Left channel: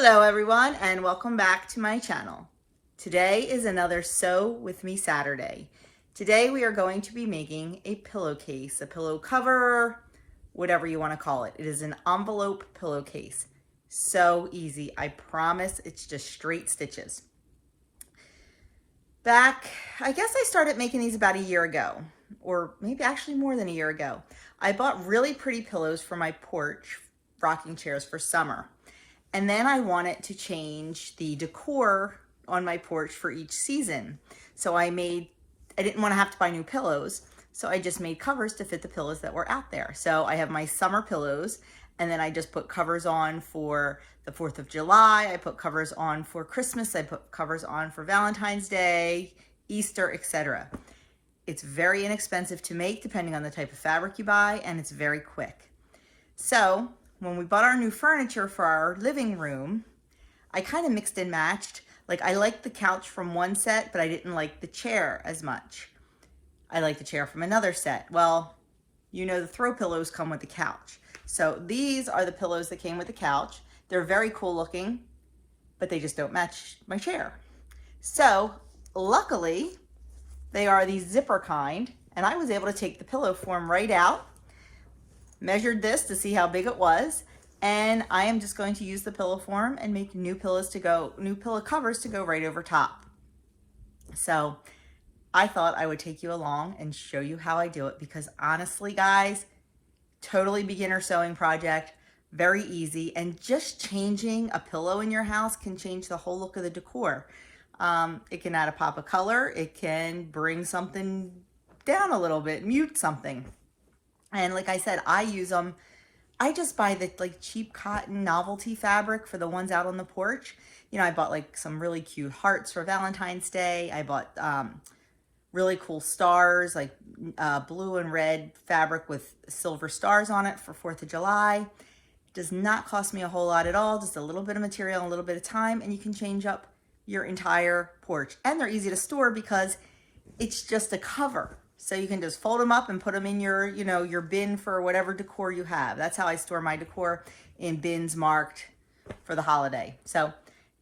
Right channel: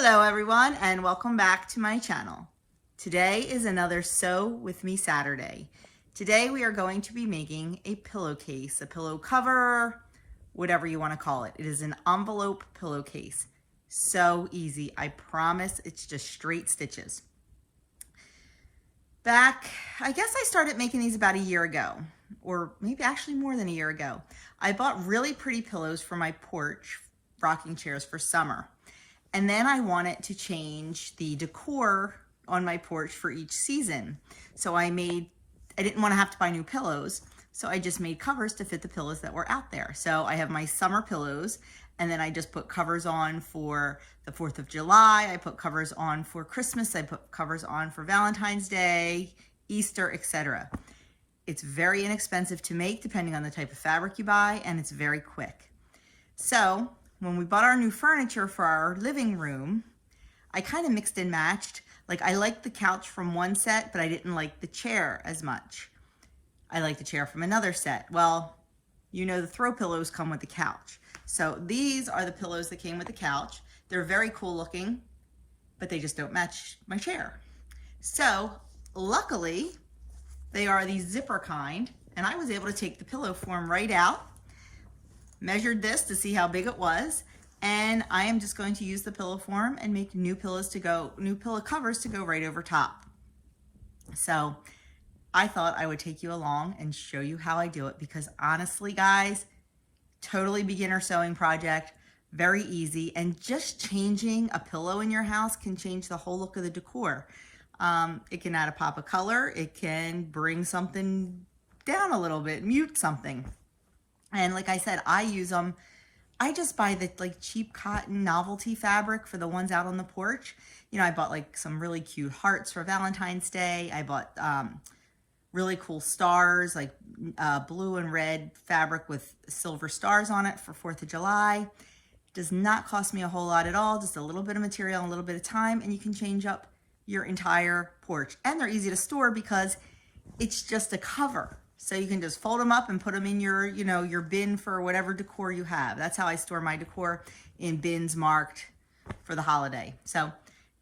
Hello everyone and welcome back to my channel. Today is another Sew With Me Saturday. Today we are going to be making a pillowcase, a pillow cover, whatever you want to call it. It is an envelope pillowcase. So easy, I promise. It's just straight stitches. I guess I started making these about a year ago, or maybe actually more than a year ago. I bought really pretty pillows for my porch, rocking chairs for summer. And then I wanted to change the decor on my porch for each season. So I didn't want to have to buy new pillows. So I just made covers to fit the pillows that were out there. So I have my summer pillows, and then I just put covers on for the 4th of July. I put covers on for Christmas. I put covers on for Valentine's Day, Easter, etc. It's very inexpensive to make depending on the type of fabric you buy, and it's very quick. So when we bought our new furniture for our living room, I kind of mixed and matched. Like, I liked the couch from one set, but I didn't like the chair as much. I like the chair from another set. Well, you know, the throw pillows come with the couch. So these are the pillows that came with the couch. They're very cool looking, but they just don't match my chair. So luckily, they are the zipper kind, and I was able to take the pillow form right out, measured this to see how big it was, and I am just going to use the pillow form and make new pillow covers to go right over top. So I thought I would take you along and show you how I do it, because honestly, guys, totally beginner sewing project, very easy, and just changing a pillow in your house can change the whole look of the decor. It can add a pop of color. It can bring something down a little bit, mute something. And like I said, I use them. I just buy the cheap cotton novelty fabric for the ones out on the porch. You know, I bought some really cute hearts for Valentine's Day. I bought really cool stars, like blue and red fabric with silver stars on it for 4th of July. It does not cost me a whole lot at all, just a little bit of material and a little bit of time, and you can change up your entire porch. And they're easy to store because it's just a cover. So you can just fold them up and put them in your, your bin for whatever decor you have. That's how I store my decor, in bins marked for the holiday. So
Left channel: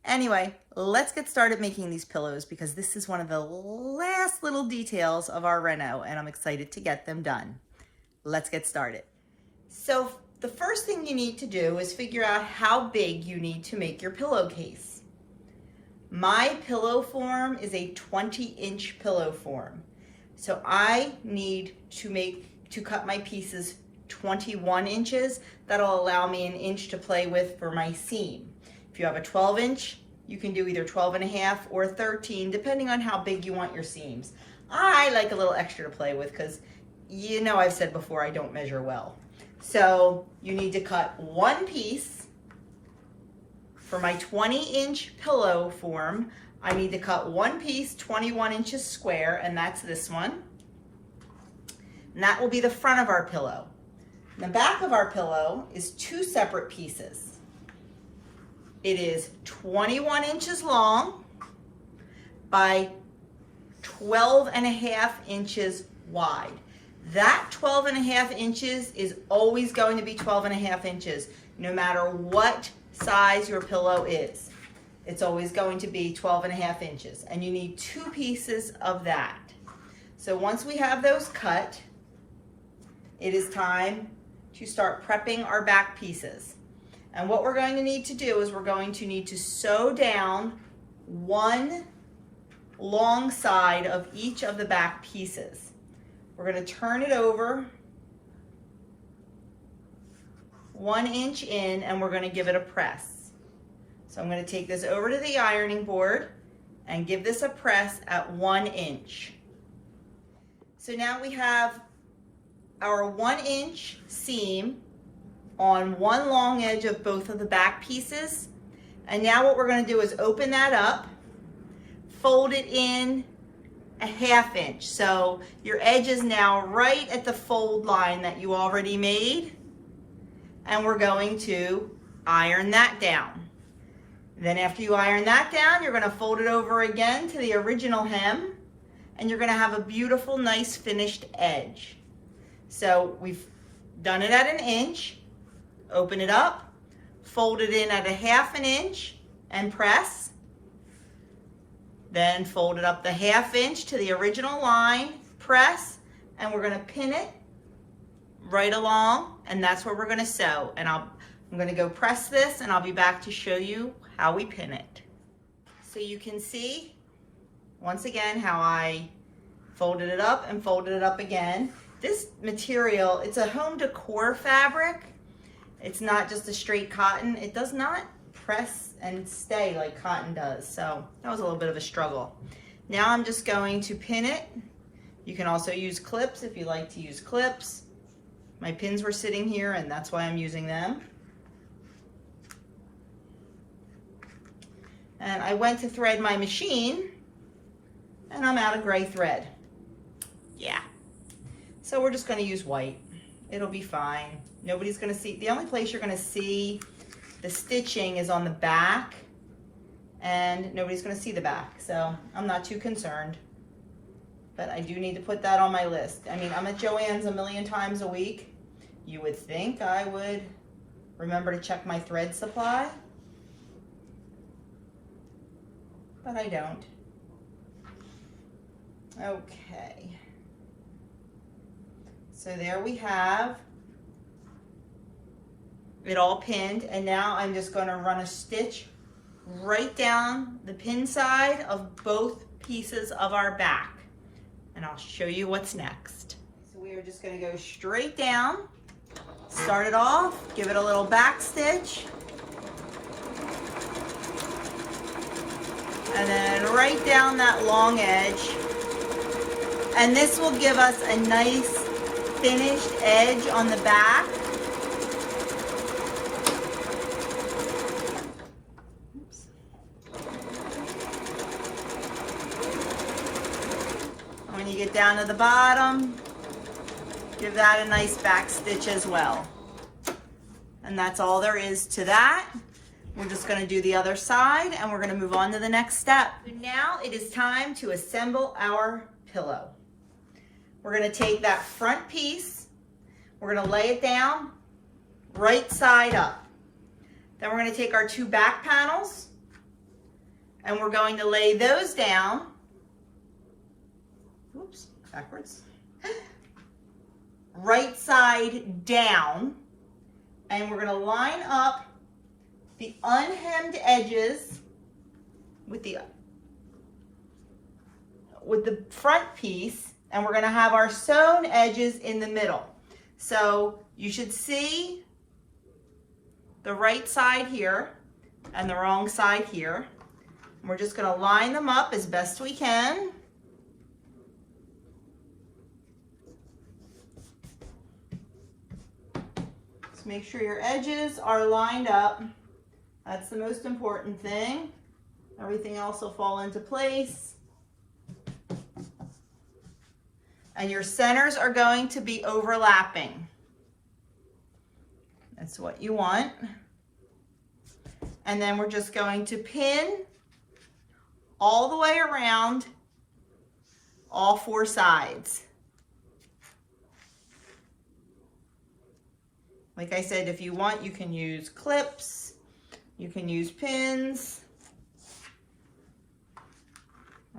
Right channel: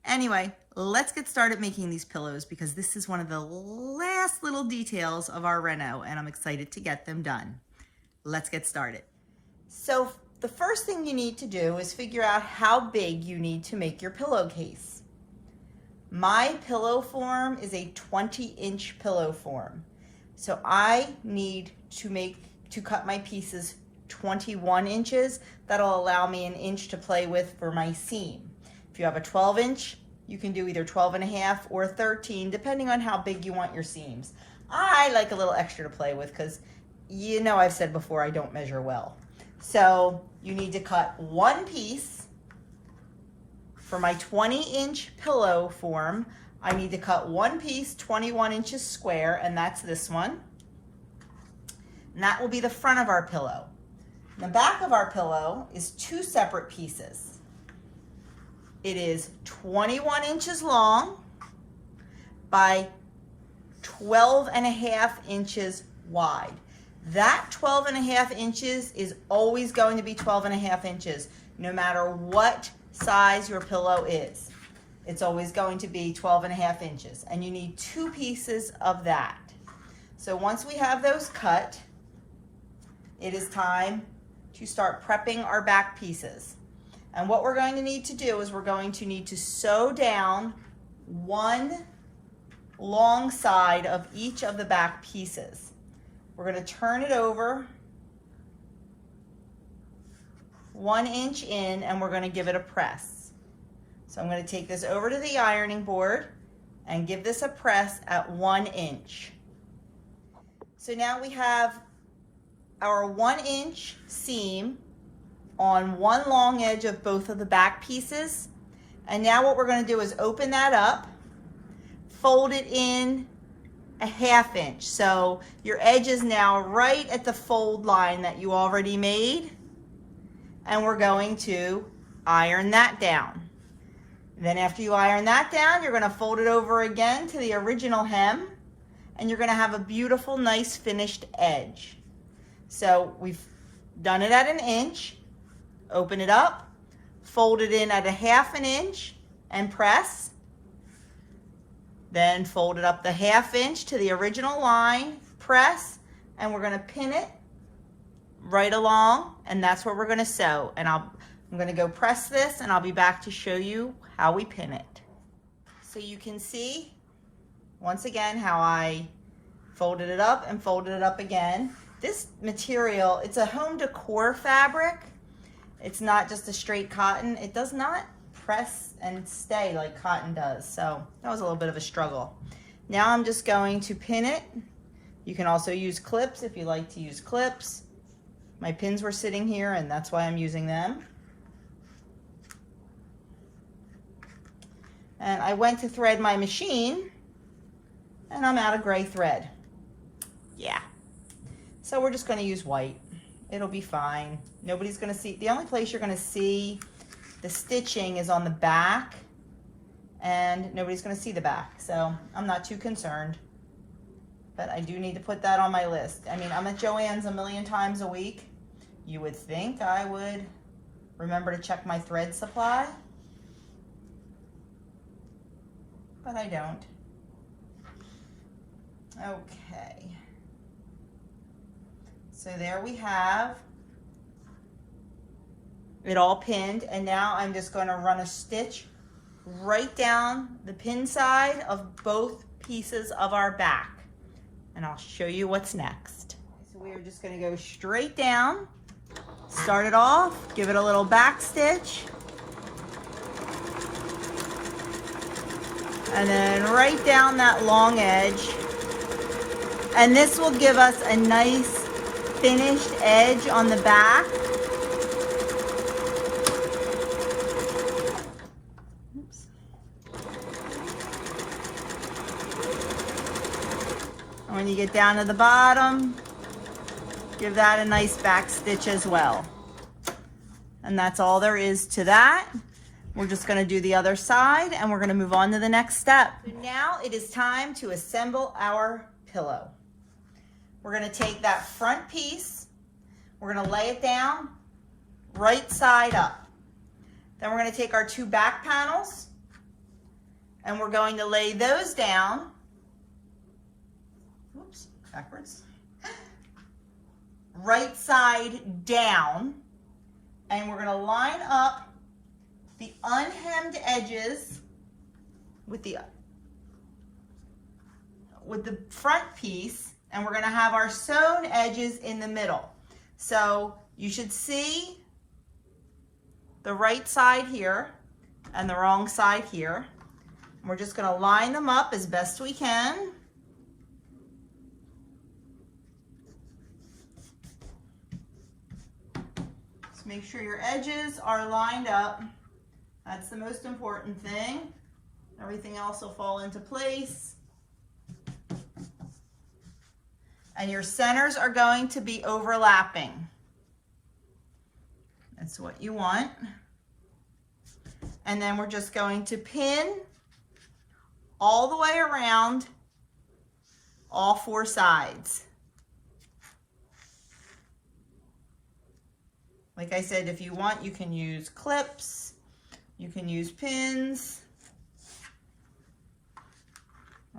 anyway, let's get started making these pillows, because this is one of the last little details of our reno, and I'm excited to get them done. Let's get started. So the first thing you need to do is figure out how big you need to make your pillowcase. My pillow form is a 20-inch pillow form. So I need to cut my pieces 21 inches. That'll allow me an inch to play with for my seam. If you have a 12-inch, you can do either 12.5 or 13, depending on how big you want your seams. I like a little extra to play with because, I've said before, I don't measure well. So you need to cut one piece. For my 20-inch pillow form, I need to cut one piece 21 inches square, and that's this one. And that will be the front of our pillow. And the back of our pillow is two separate pieces. It is 21 inches long by 12.5 inches wide. That 12.5 inches is always going to be 12.5 inches, no matter what size your pillow is. It's always going to be 12.5 inches, and you need two pieces of that. So once we have those cut, it is time to start prepping our back pieces. And what we're going to need to do is we're going to need to sew down one long side of each of the back pieces. We're going to turn it over 1 inch in, and we're going to give it a press. So I'm going to take this over to the ironing board and give this a press at 1 inch. So now we have our 1 inch seam on one long edge of both of the back pieces. And now what we're going to do is open that up, fold it in a 1/2 inch. So your edge is now right at the fold line that you already made. And we're going to iron that down. Then after you iron that down, you're going to fold it over again to the original hem, and you're going to have a beautiful, nice finished edge. So we've done it at 1 inch, open it up, fold it in at a 1/2 inch and press. Then fold it up the 1/2 inch to the original line, press, and we're gonna pin it right along, and that's where we're gonna sew. And I'm gonna go press this, and I'll be back to show you how we pin it. So you can see, once again, how I folded it up and folded it up again. This material, it's a home decor fabric. It's not just a straight cotton. It does not press and stay like cotton does. So that was a little bit of a struggle. Now I'm just going to pin it. You can also use clips if you like to use clips. My pins were sitting here, and that's why I'm using them. And I went to thread my machine, and I'm out of gray thread. Yeah. So we're just going to use white. It'll be fine. Nobody's going to see. The only place you're going to see the stitching is on the back, and nobody's going to see the back. So I'm not too concerned. But I do need to put that on my list. I mean, I'm at Joann's a million times a week. You would think I would remember to check my thread supply, but I don't. Okay. So there we have it all pinned, and now I'm just going to run a stitch right down the pin side of both pieces of our back. And I'll show you what's next. So we are just going to go straight down, start it off, give it a little back stitch, and then right down that long edge. And this will give us a nice finished edge on the back. When you get down to the bottom, give that a nice back stitch as well. And that's all there is to that. We're just going to do the other side, and we're going to move on to the next step. Now it is time to assemble our pillow. We're going to take that front piece, we're going to lay it down right side up. Then we're going to take our 2 back panels, and we're going to lay those down. Oops, backwards. Right side down, and we're going to line up the unhemmed edges with the front piece, and we're going to have our sewn edges in the middle. So you should see the right side here and the wrong side here. We're just going to line them up as best we can. Make sure your edges are lined up. That's the most important thing. Everything else will fall into place. And your centers are going to be overlapping. That's what you want. And then we're just going to pin all the way around all 4 sides. Like I said, if you want, you can use clips, you can use pins.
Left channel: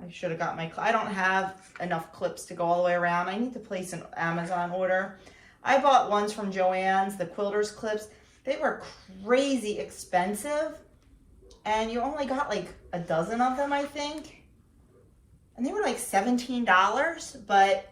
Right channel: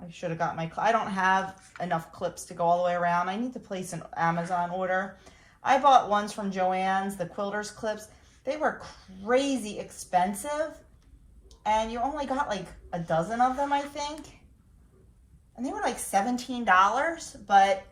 I should have got my, I don't have enough clips to go all the way around. I need to place an Amazon order. I bought ones from Joann's, the quilters clips. They were crazy expensive, and you only got like a dozen of them, I think. And they were like $17, but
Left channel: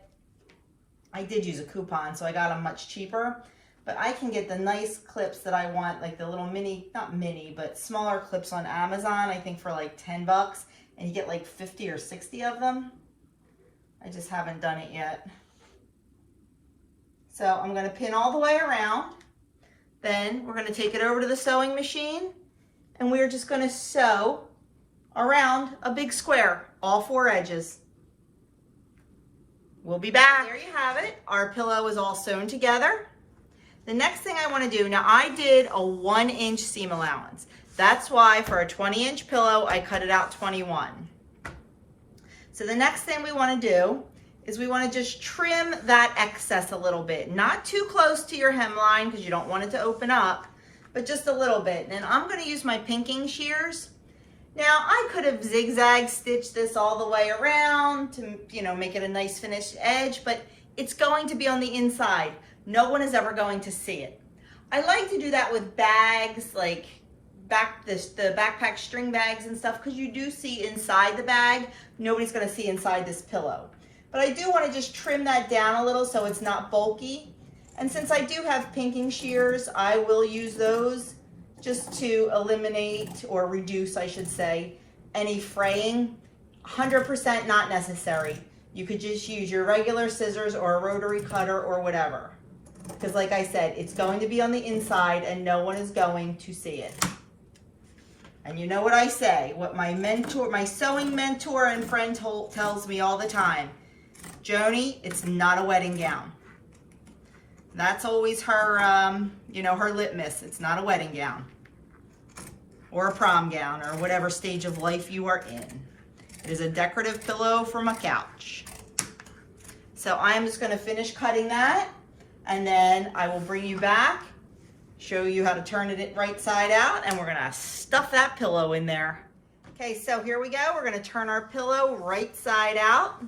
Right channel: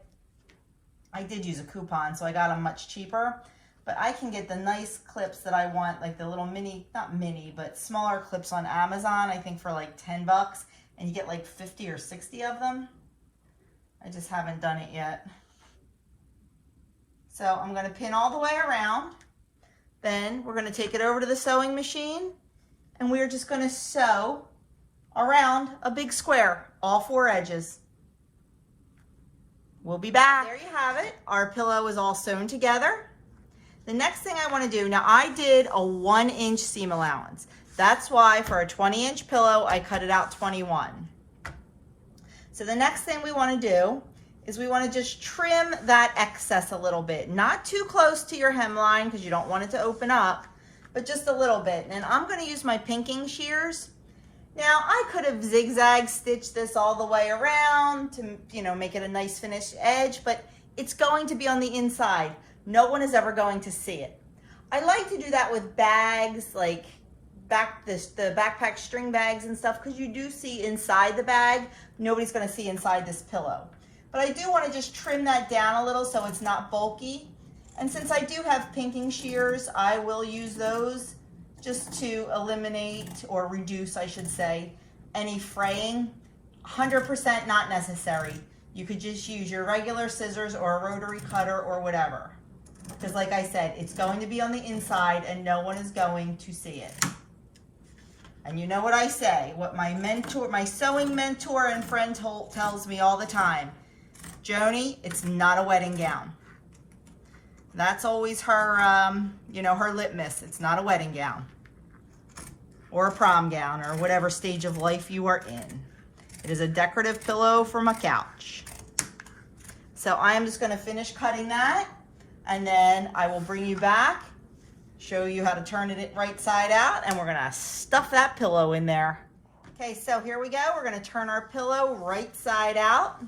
I did use a coupon, so I got them much cheaper. But I can get the nice clips that I want, like the little mini, not mini, but smaller clips on Amazon, I think for like $10, and you get like 50 or 60 of them. I just haven't done it yet. So I'm gonna pin all the way around. Then we're gonna take it over to the sewing machine, and we're just gonna sew around a big square, all 4 edges. We'll be back. There you have it. Our pillow is all sewn together. The next thing I want to do, now I did a 1-inch seam allowance. That's why for a 20-inch pillow, I cut it out 21. So the next thing we want to do is we want to just trim that excess a little bit. Not too close to your hemline because you don't want it to open up, but just a little bit. And I'm gonna use my pinking shears. Now, I could have zigzag stitched this all the way around to, you know, make it a nice finished edge, but it's going to be on the inside. No one is ever going to see it. I like to do that with bags, like the backpack string bags and stuff, because you do see inside the bag. Nobody's going to see inside this pillow. But I do want to just trim that down a little so it's not bulky. And since I do have pinking shears, I will use those just to eliminate or reduce, I should say, any fraying. 100% not necessary. You could just use your regular scissors or a rotary cutter or whatever. Because like I said, it's going to be on the inside and no one is going to see it. And you know what I say, what my mentor, my sewing mentor and friend tells me all the time, Joni, it's not a wedding gown. That's always her, you know, her litmus. It's not a wedding gown or a prom gown or whatever stage of life you are in. It is a decorative pillow from a couch. So I am just going to finish cutting that, and then I will bring you back, show you how to turn it right side out, and we're going to stuff that pillow in there. Okay, so here we go. We're going to turn our pillow right side out.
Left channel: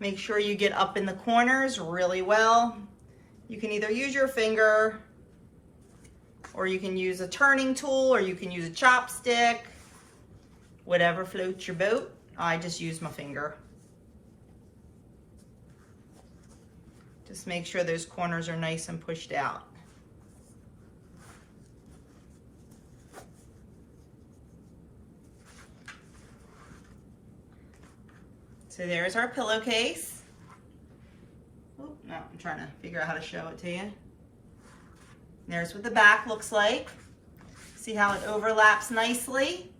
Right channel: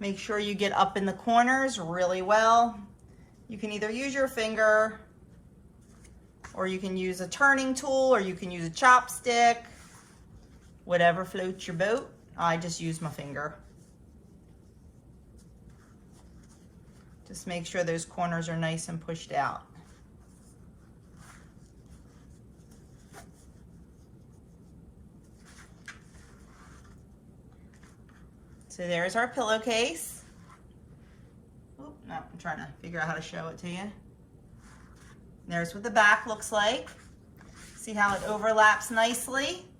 Make sure you get up in the corners really well. You can either use your finger, or you can use a turning tool, or you can use a chopstick, whatever floats your boat. I just use my finger. Just make sure those corners are nice and pushed out. So there's our pillowcase. Oh, no, I'm trying to figure out how to show it to you. There's what the back looks like. See how it overlaps nicely?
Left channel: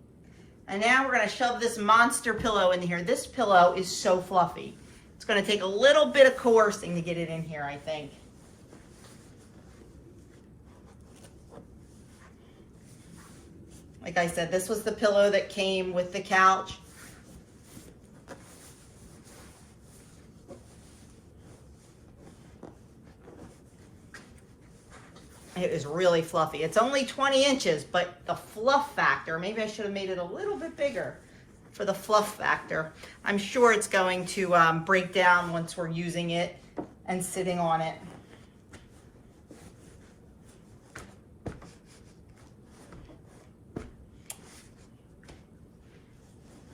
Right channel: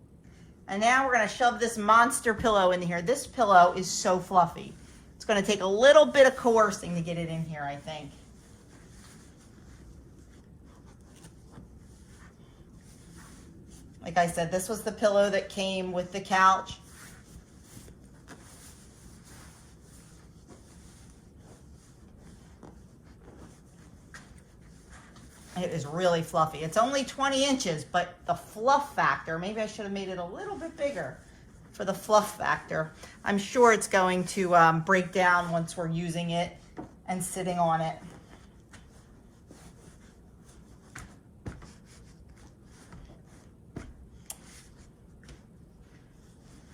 And now we're going to shove this monster pillow in here. This pillow is so fluffy. It's going to take a little bit of coercing to get it in here, I think. Like I said, this was the pillow that came with the couch. It is really fluffy. It's only 20 inches, but the fluff factor, maybe I should have made it a little bit bigger for the fluff factor. I'm sure it's going to break down once we're using it and sitting on it.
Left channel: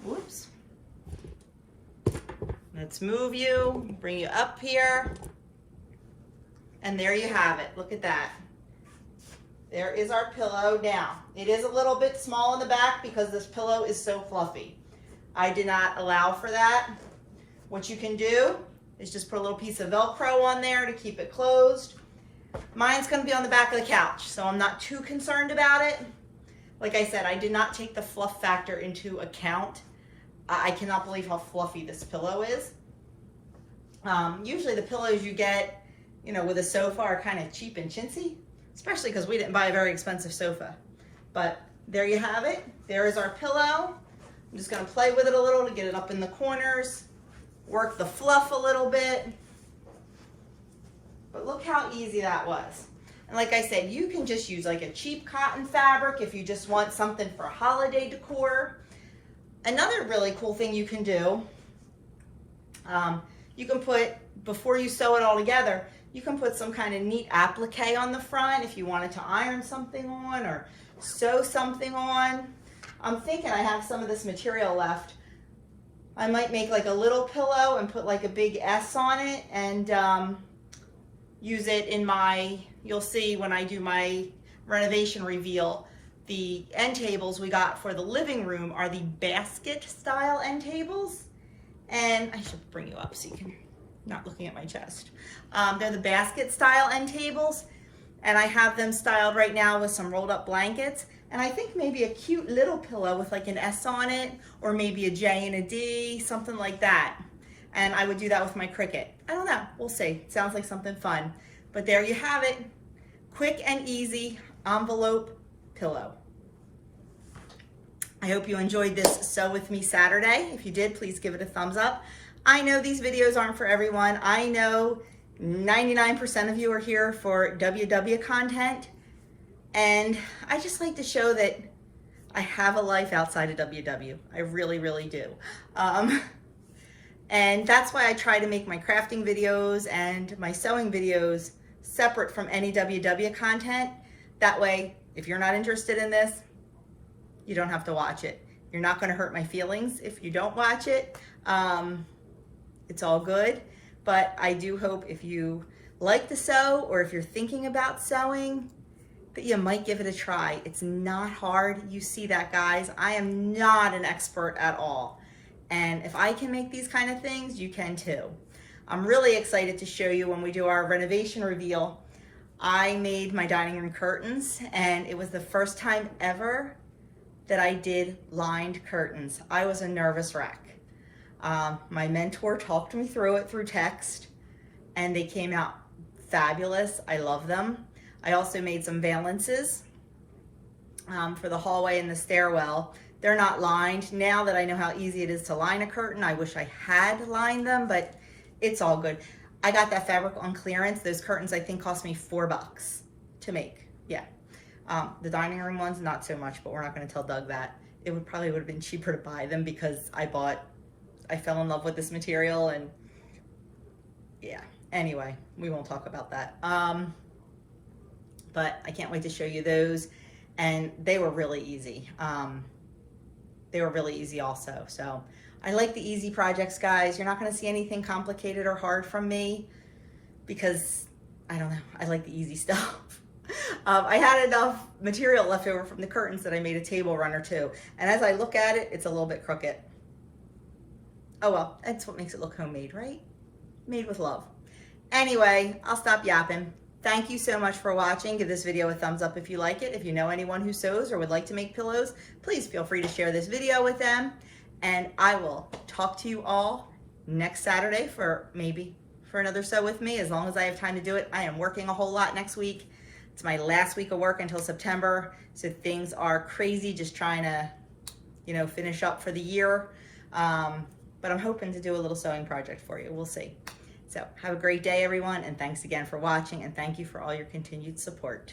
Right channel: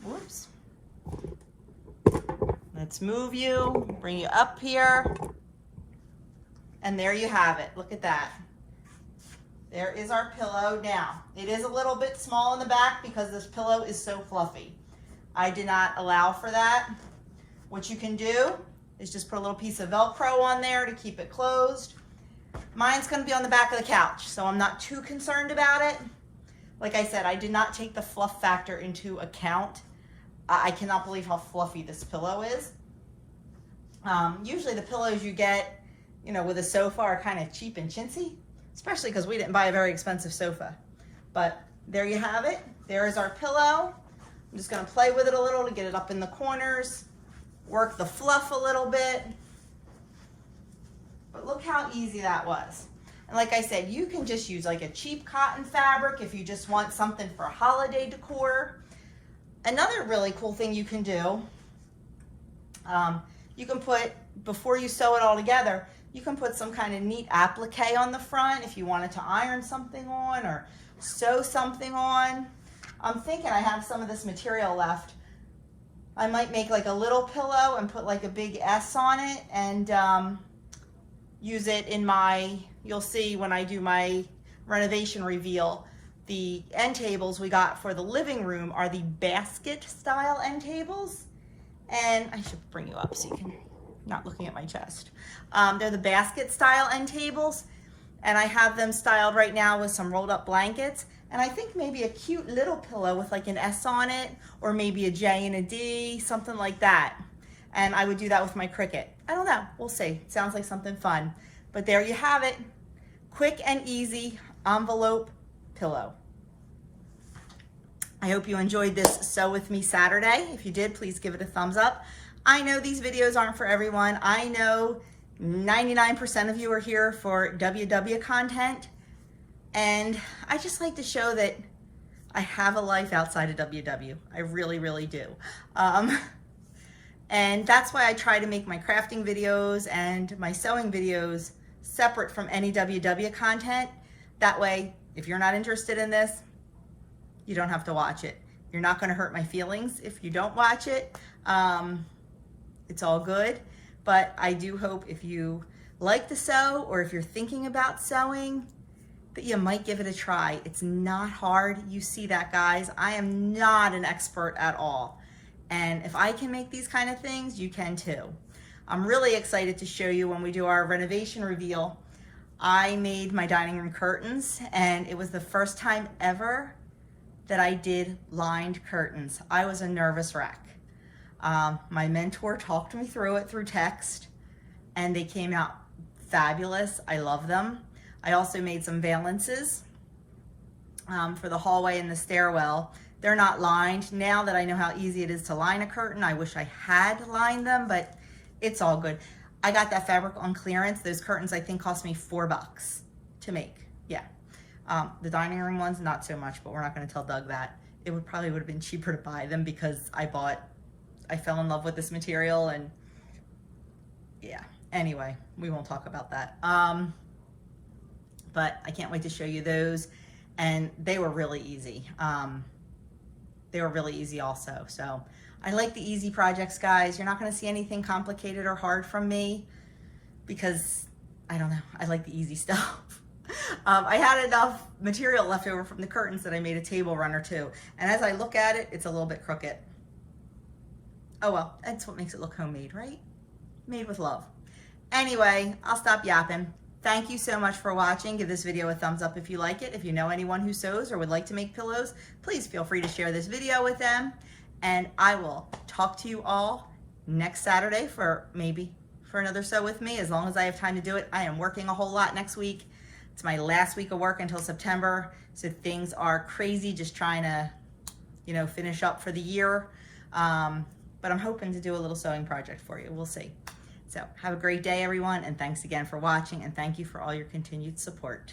Whoops. Let's move you, bring you up here. And there you have it. Look at that. There is our pillow now. It is a little bit small in the back because this pillow is so fluffy. I did not allow for that. What you can do is just put a little piece of Velcro on there to keep it closed. Mine's going to be on the back of the couch, so I'm not too concerned about it. Like I said, I did not take the fluff factor into account. I cannot believe how fluffy this pillow is. Usually the pillows you get, you know, with a sofa are kind of cheap and chintzy, especially because we didn't buy a very expensive sofa. But there you have it. There is our pillow. I'm just going to play with it a little to get it up in the corners, work the fluff a little bit. But look how easy that was. And like I said, you can just use like a cheap cotton fabric if you just want something for holiday decor. Another really cool thing you can do, you can put, before you sew it all together, you can put some kind of neat applique on the front if you wanted to iron something on or sew something on. I'm thinking I have some of this material left. I might make like a little pillow and put like a big S on it and use it in my, you'll see when I do my renovation reveal, the end tables we got for the living room are the basket style end tables. And I should bring you up so you can, not looking at my chest. They're the basket style end tables, and I have them styled right now with some rolled up blankets. And I think maybe a cute little pillow with like an S on it, or maybe a J and a D, something like that. And I would do that with my Cricut. I don't know, we'll see. Sounds like something fun. But there you have it. Quick and easy envelope pillow. I hope you enjoyed this Sew With Me Saturday. If you did, please give it a thumbs up. I know these videos aren't for everyone. I know 99% of you are here for WW content. And I just like to show that I have a life outside of WW. I really, really do. And that's why I try to make my crafting videos and my sewing videos separate from any WW content. That way, if you're not interested in this, you don't have to watch it. You're not gonna hurt my feelings if you don't watch it. It's all good, but I do hope if you like to sew or if you're thinking about sewing, that you might give it a try. It's not hard. You see that, guys. I am not an expert at all. And if I can make these kind of things, you can too. I'm really excited to show you when we do our renovation reveal. I made my dining room curtains, and it was the first time ever that I did lined curtains. I was a nervous wreck. My mentor talked me through it through text, and they came out fabulous. I love them. I also made some valances for the hallway and the stairwell. They're not lined. Now that I know how easy it is to line a curtain, I wish I had lined them, but it's all good. I got that fabric on clearance. Those curtains I think cost me $4 to make. Yeah. The dining room ones, not so much, but we're not going to tell Doug that. It would have been cheaper to buy them because I fell in love with this material, and yeah. Anyway, we won't talk about that. But I can't wait to show you those, and they were really easy. They were really easy also. So I like the easy projects, guys. You're not going to see anything complicated or hard from me because I don't know. I like the easy stuff. I had enough material left over from the curtains that I made a table runner too. And as I look at it, it's a little bit crooked. Oh well, that's what makes it look homemade, right? Made with love. Anyway, I'll stop yapping. Thank you so much for watching. Give this video a thumbs up if you like it. If you know anyone who sews or would like to make pillows, please feel free to share this video with them. And I will talk to you all next Saturday for another sew with me, as long as I have time to do it. I am working a whole lot next week. It's my last week of work until September. So things are crazy, just trying to, finish up for the year. But I'm hoping to do a little sewing project for you. We'll see. So have a great day, everyone, and thanks again for watching, and thank you for all your continued support.